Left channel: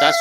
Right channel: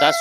10